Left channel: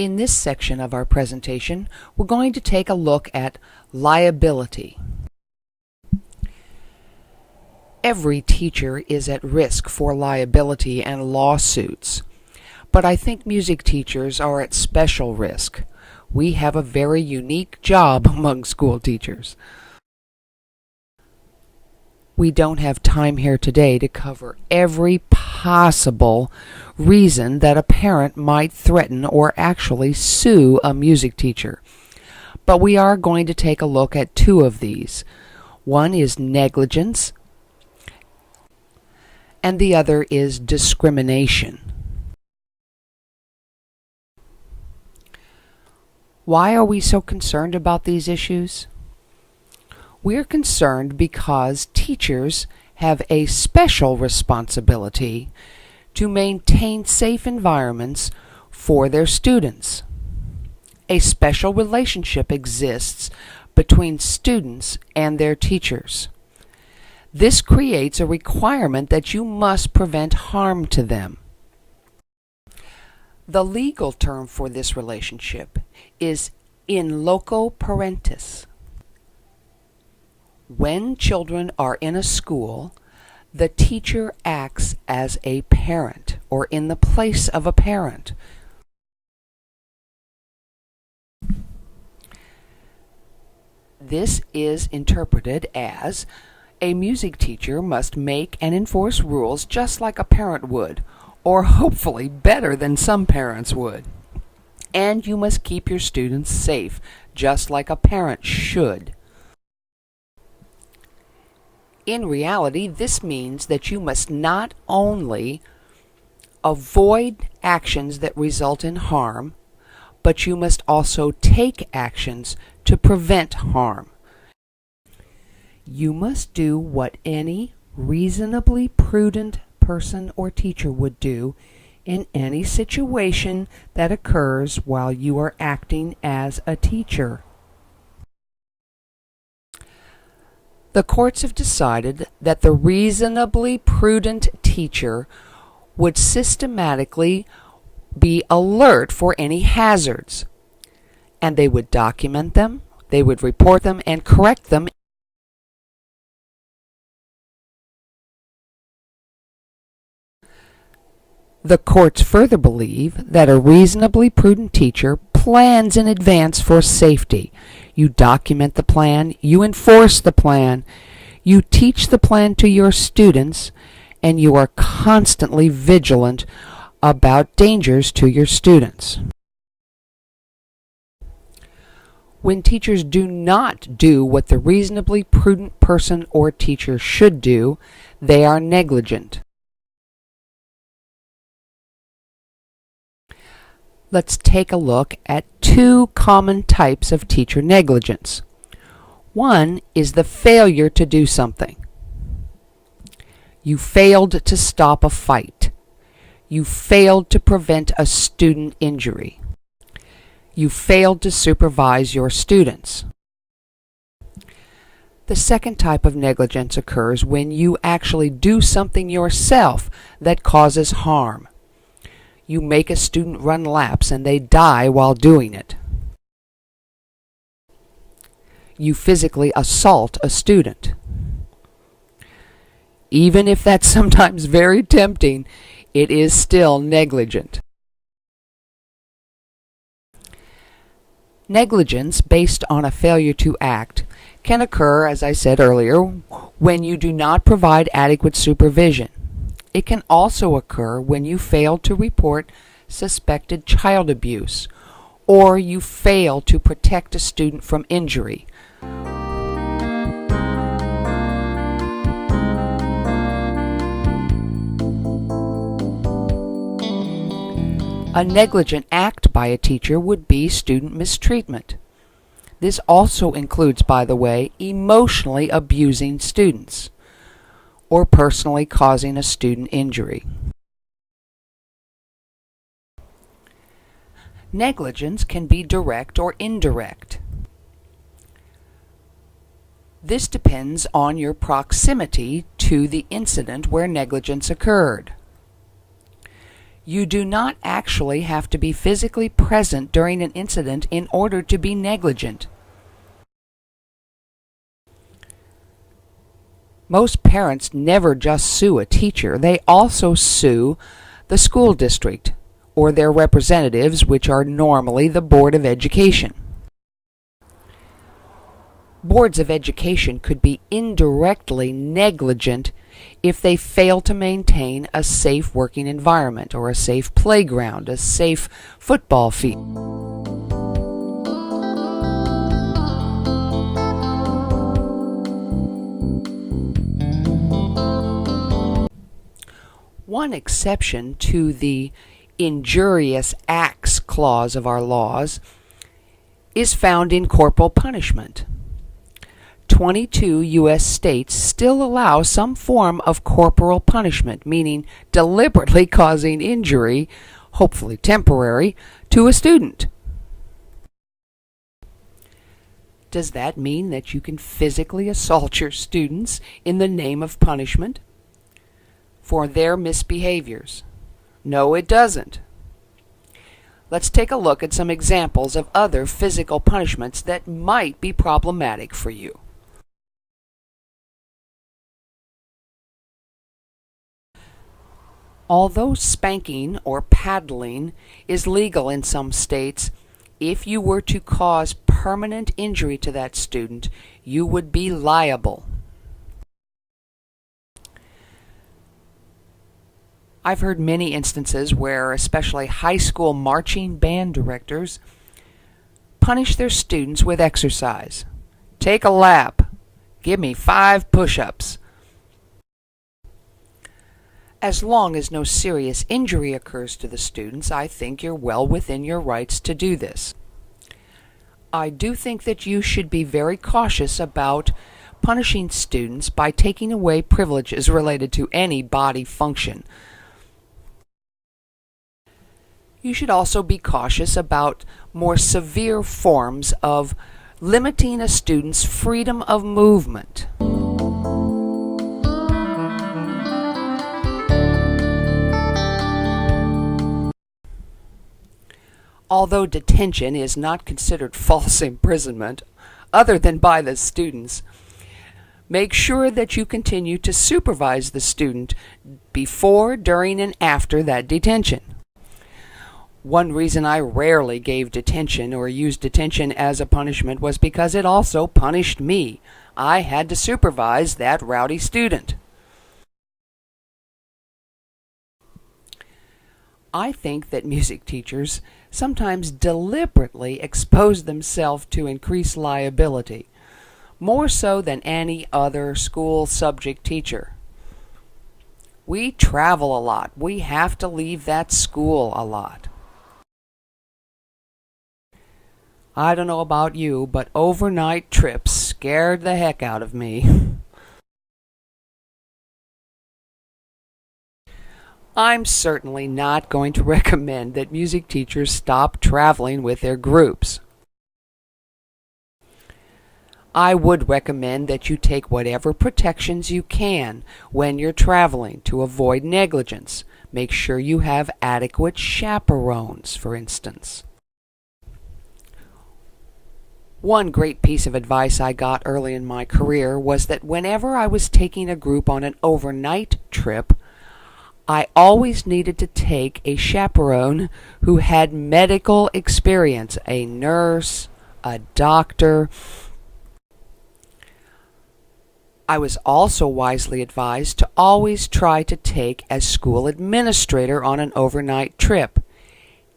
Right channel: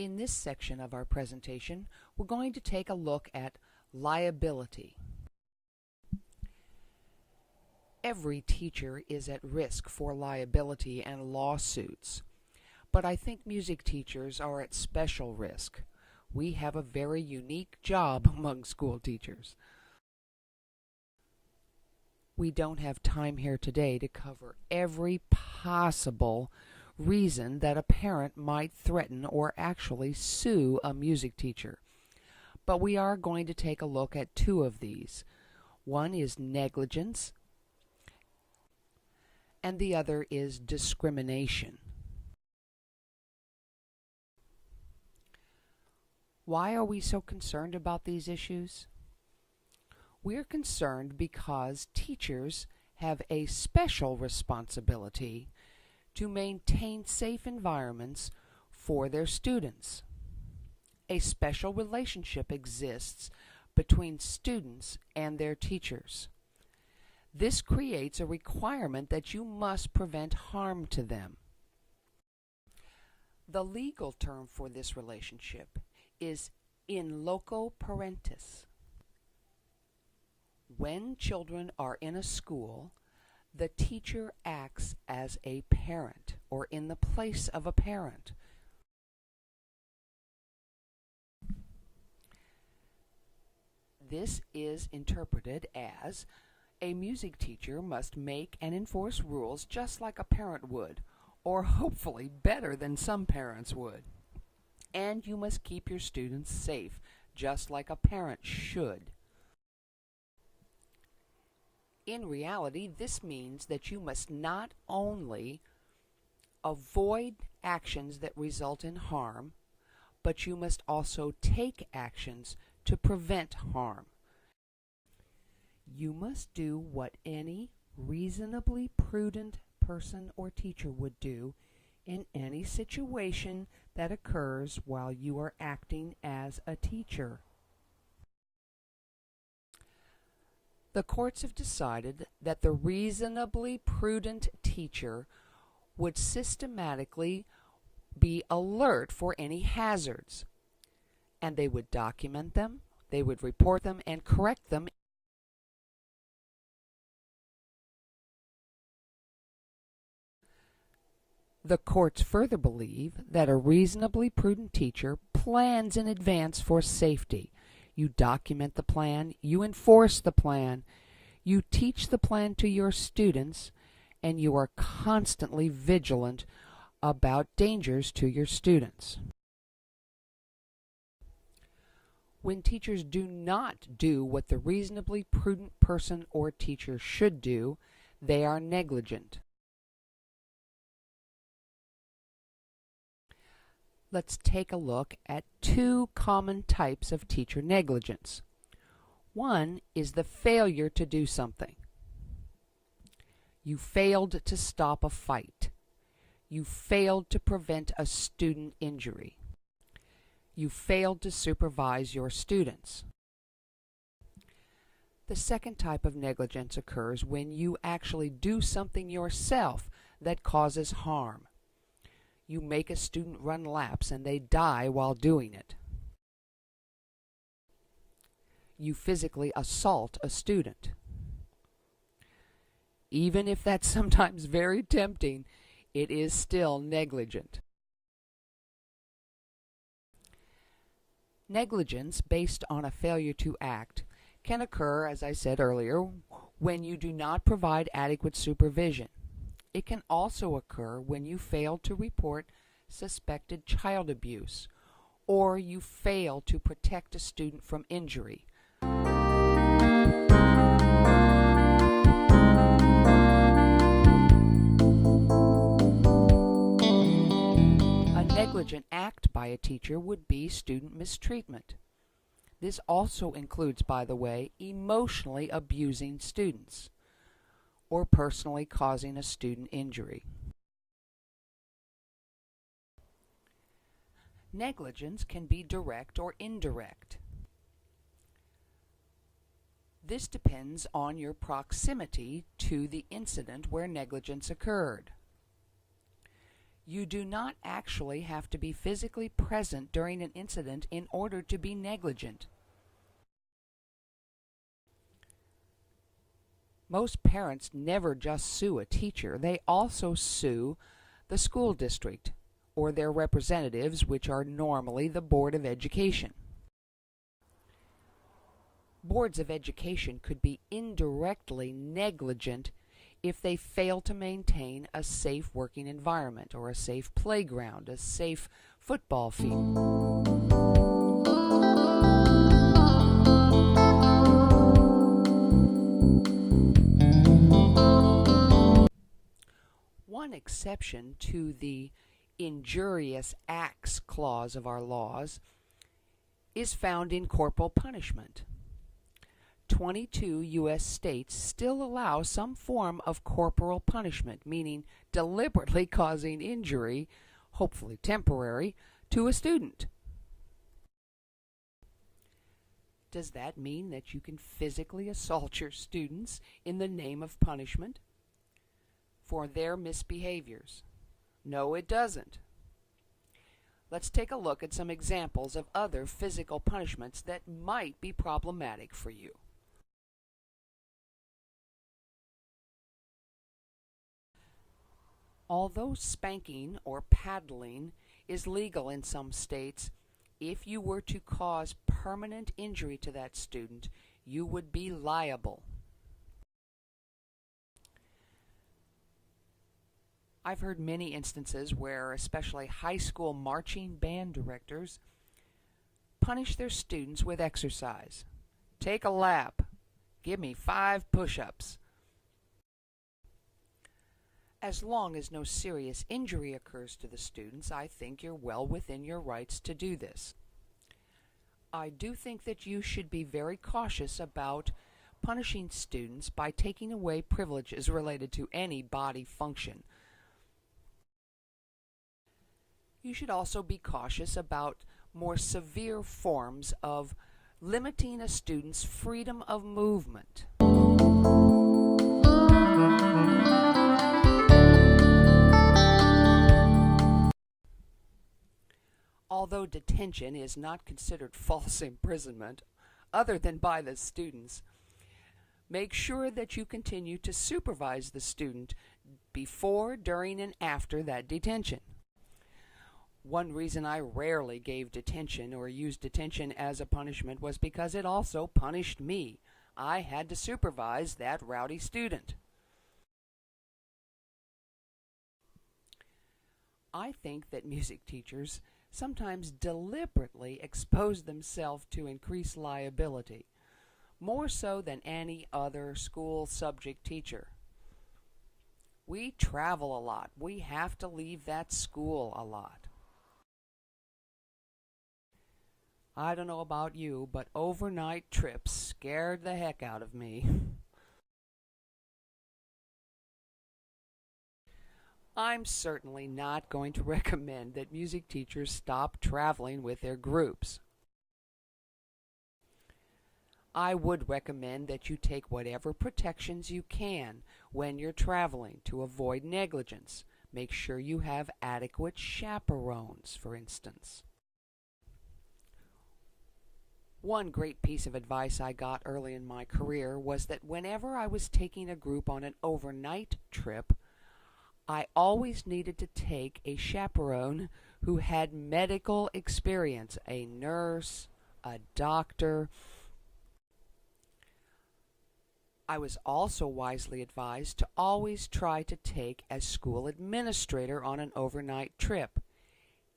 In this section of our presentation, we're going to take a look at liability. Every teacher is at risk for liability and lawsuits, but I think music teachers are at special risk. We have a very unique job among school teachers. We don't have time here today to cover every possible reason that a parent might threaten or actually sue a music teacher. But we are going to take a look at two of these. One is negligence, and the other is discrimination. Why are we so concerned about these issues? We're concerned because teachers have a special responsibility to maintain safe environments for their students. A special relationship exists between students and their teachers. This creates a requirement that you must prevent harm to them. The legal term for this relationship is in loco parentis. When children are in a school, the teacher acts as a parent or in the place of a parent. This is interpreted as a music teacher must make and enforce rules just like a parent would, or hopefully better than some parents would. And you must keep your students safe just like a parent should. In reality, this means that you must not only avoid actions that result in harm, but you must also take actions to prevent harm. You must do what any reasonably prudent person or teacher would do in any situation that occurs while you are acting as a teacher. The courts have decided that the reasonably prudent teacher would systematically be alert for any hazards, and they would document them, they would report them, and correct them. The courts further believe that a reasonably prudent teacher plans in advance for safety. You document the plan, you enforce the plan, you teach the plan to your students, and you are constantly vigilant about dangers to your students. When teachers do not do what the reasonably prudent person or teacher should do, they are negligent. Let's take a look at two common types of teacher negligence. One is the failure to do something. You failed to stop a fight. You failed to prevent a student injury. You failed to supervise your students. The second type of negligence occurs when you actually do something yourself that causes harm. You make a student run laps and they die while doing it. You physically assault a student. Even if that's sometimes very tempting, it is still negligent. Negligence based on a failure to act can occur, as I said earlier, when you do not provide adequate supervision. It can also occur when you fail to report suspected child abuse, or you fail to protect a student from injury. A negligent act by a teacher would be student mistreatment. This also includes, by the way, emotionally abusing students, or personally causing a student injury. Negligence can be direct or indirect. This depends on your proximity to the incident where negligence occurred. You do not actually have to be physically present during an incident in order to be negligent. Most parents never just sue a teacher, they also sue the school district or their representatives, which are normally the Board of Education. Boards of education could be indirectly negligent if they fail to maintain a safe working environment or a safe playground, a safe football field. One exception to the injurious acts clause of our laws is found in corporal punishment. 22 U.S. states still allow some form of corporal punishment, meaning deliberately causing injury, hopefully temporary, to a student. Does that mean that you can physically assault your students in the name of punishment for their misbehaviors? No, it doesn't. Let's take a look at some examples of other physical punishments that might be problematic for you. Although spanking or paddling is legal in some states, if you were to cause permanent injury to that student, you would be liable. I've heard many instances where especially high school marching band directors punish their students with exercise. Take a lap. Give me 5 push-ups. As long as no serious injury occurs to the students, I think you're well within your rights to do this. I do think that you should be very cautious about punishing students by taking away privileges related to any body function. You should also be cautious about more severe forms of limiting a student's freedom of movement. Although detention is not considered false imprisonment, other than by the students, make sure that you continue to supervise the student before, during, and after that detention. One reason I rarely gave detention or used detention as a punishment was because it also punished me. I had to supervise that rowdy student. I think that music teachers sometimes deliberately expose themselves to increased liability, more so than any other school subject teacher. We travel a lot. We have to leave that school a lot. I don't know about you, but overnight trips scared the heck out of me. I'm certainly not going to recommend that music teachers stop traveling with their groups. I would recommend that you take whatever protections you can when you're traveling to avoid negligence. Make sure you have adequate chaperones, for instance. One great piece of advice I got early in my career was that whenever I was taking a group on an overnight trip, I always needed to take a chaperone who had medical experience, a nurse, a doctor. I was also wisely advised to always try to take a school administrator on an overnight trip,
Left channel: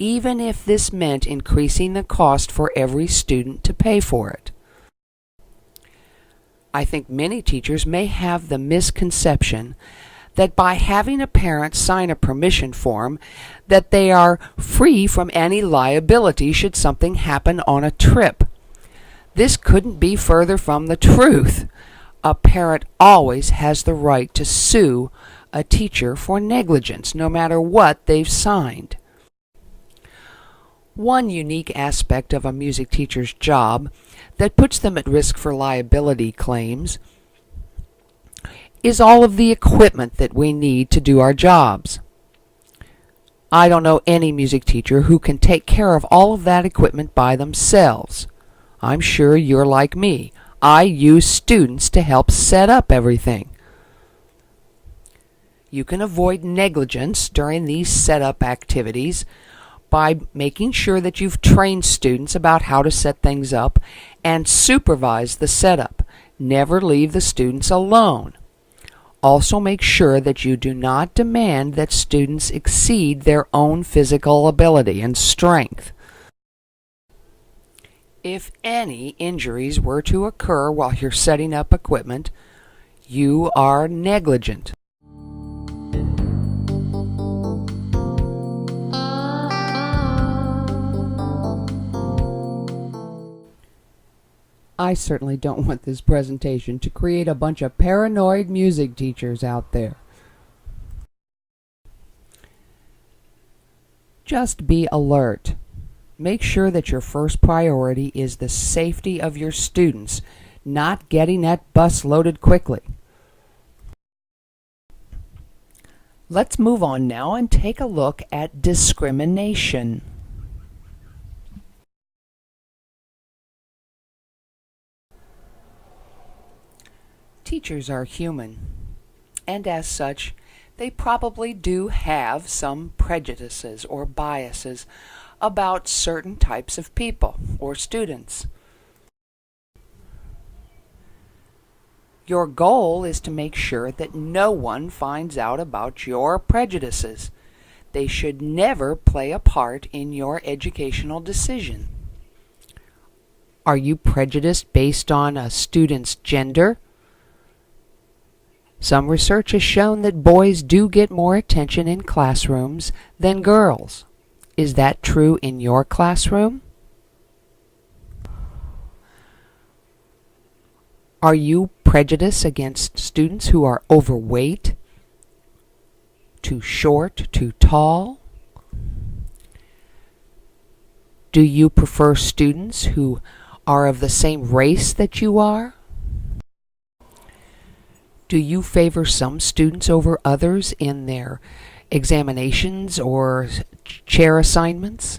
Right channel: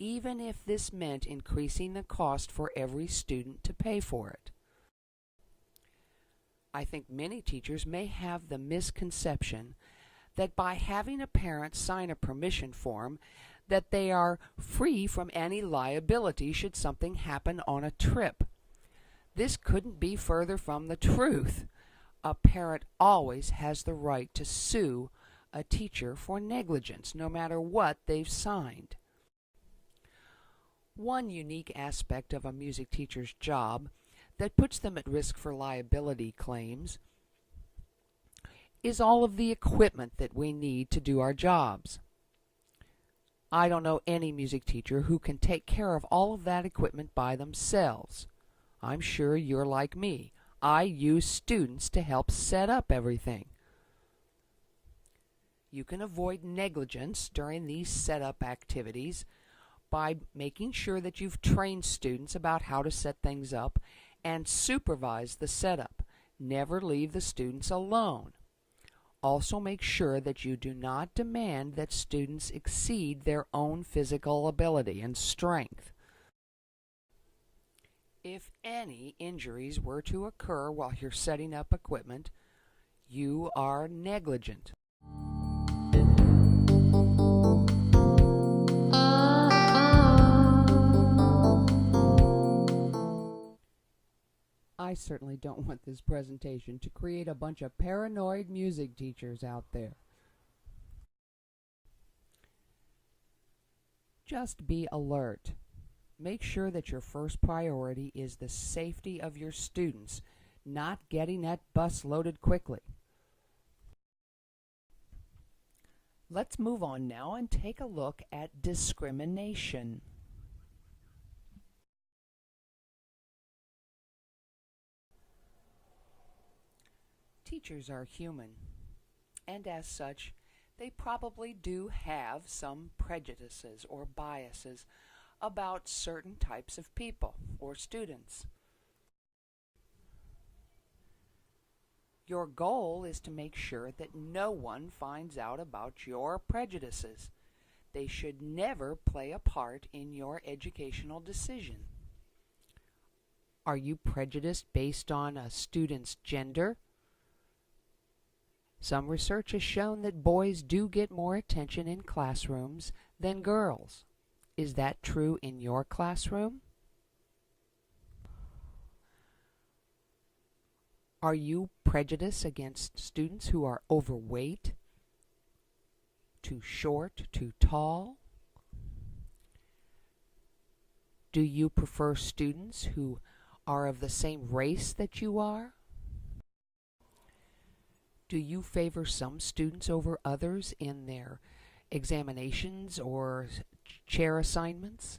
even if this meant increasing the cost for every student to pay for it. I think many teachers may have the misconception that by having a parent sign a permission form, that they are free from any liability should something happen on a trip. This couldn't be further from the truth. A parent always has the right to sue a teacher for negligence, no matter what they've signed. One unique aspect of a music teacher's job that puts them at risk for liability claims is all of the equipment that we need to do our jobs. I don't know any music teacher who can take care of all of that equipment by themselves. I'm sure you're like me. I use students to help set up everything. You can avoid negligence during these setup activities by making sure that you've trained students about how to set things up and supervise the setup. Never leave the students alone. Also make sure that you do not demand that students exceed their own physical ability and strength. If any injuries were to occur while you're setting up equipment, you are negligent. I certainly don't want this presentation to create a bunch of paranoid music teachers out there. Just be alert. Make sure that your first priority is the safety of your students, not getting that bus loaded quickly. Let's move on now and take a look at discrimination. Teachers are human, and as such, they probably do have some prejudices or biases about certain types of people or students. Your goal is to make sure that no one finds out about your prejudices. They should never play a part in your educational decision. Are you prejudiced based on a student's gender? Some research has shown that boys do get more attention in classrooms than girls. Is that true in your classroom? Are you prejudiced against students who are overweight, too short, too tall? Do you prefer students who are of the same race that you are? Do you favor some students over others in their examinations or chair assignments?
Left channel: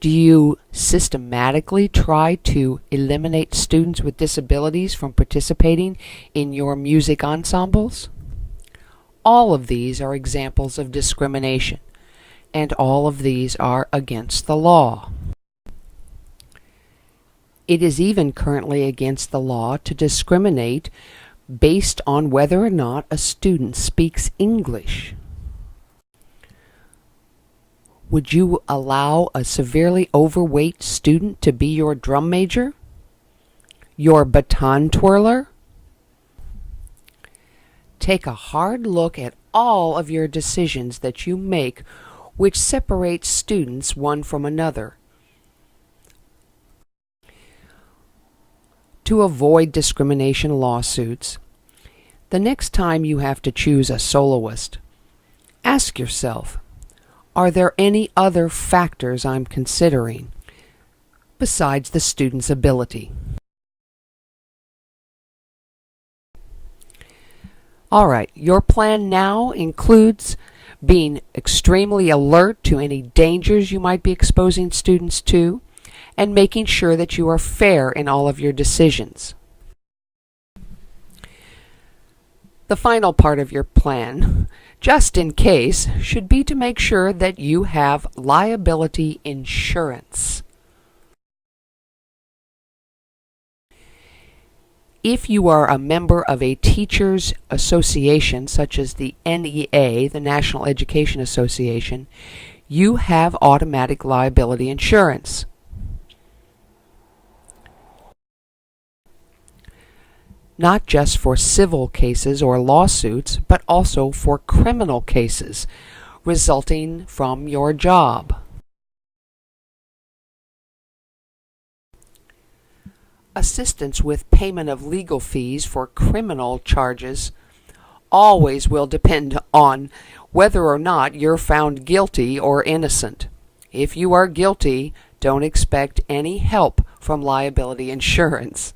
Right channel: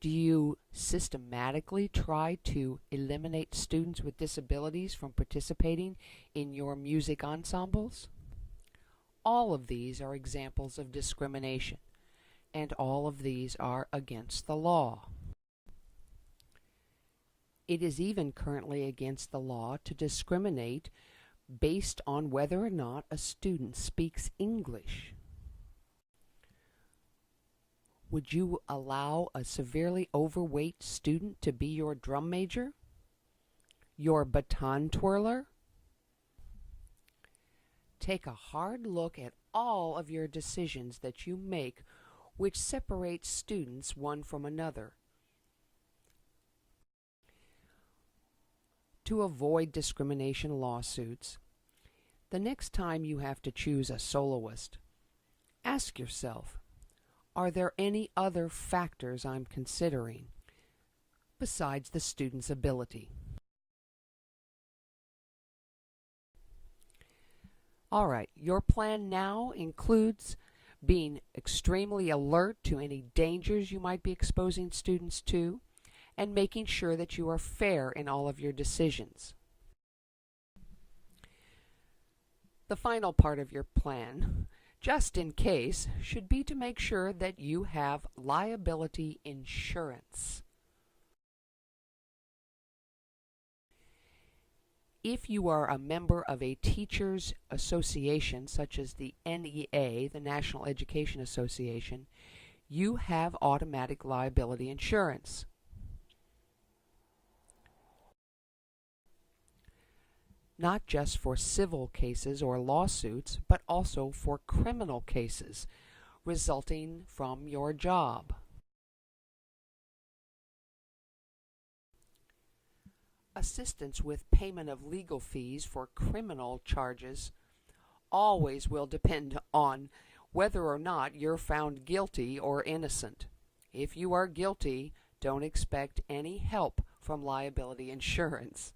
Do you systematically try to eliminate students with disabilities from participating in your music ensembles? All of these are examples of discrimination, and all of these are against the law. It is even currently against the law to discriminate based on whether or not a student speaks English. Would you allow a severely overweight student to be your drum major? Your baton twirler? Take a hard look at all of your decisions that you make which separate students one from another. To avoid discrimination lawsuits, the next time you have to choose a soloist, ask yourself, are there any other factors I'm considering besides the student's ability? All right, your plan now includes being extremely alert to any dangers you might be exposing students to, and making sure that you are fair in all of your decisions. The final part of your plan, just in case, should be to make sure that you have liability insurance. If you are a member of a teachers association, such as the NEA, the National Education Association, you have automatic liability insurance. Not just for civil cases or lawsuits, but also for criminal cases resulting from your job. Assistance with payment of legal fees for criminal charges always will depend on whether or not you're found guilty or innocent. If you are guilty, don't expect any help from liability insurance.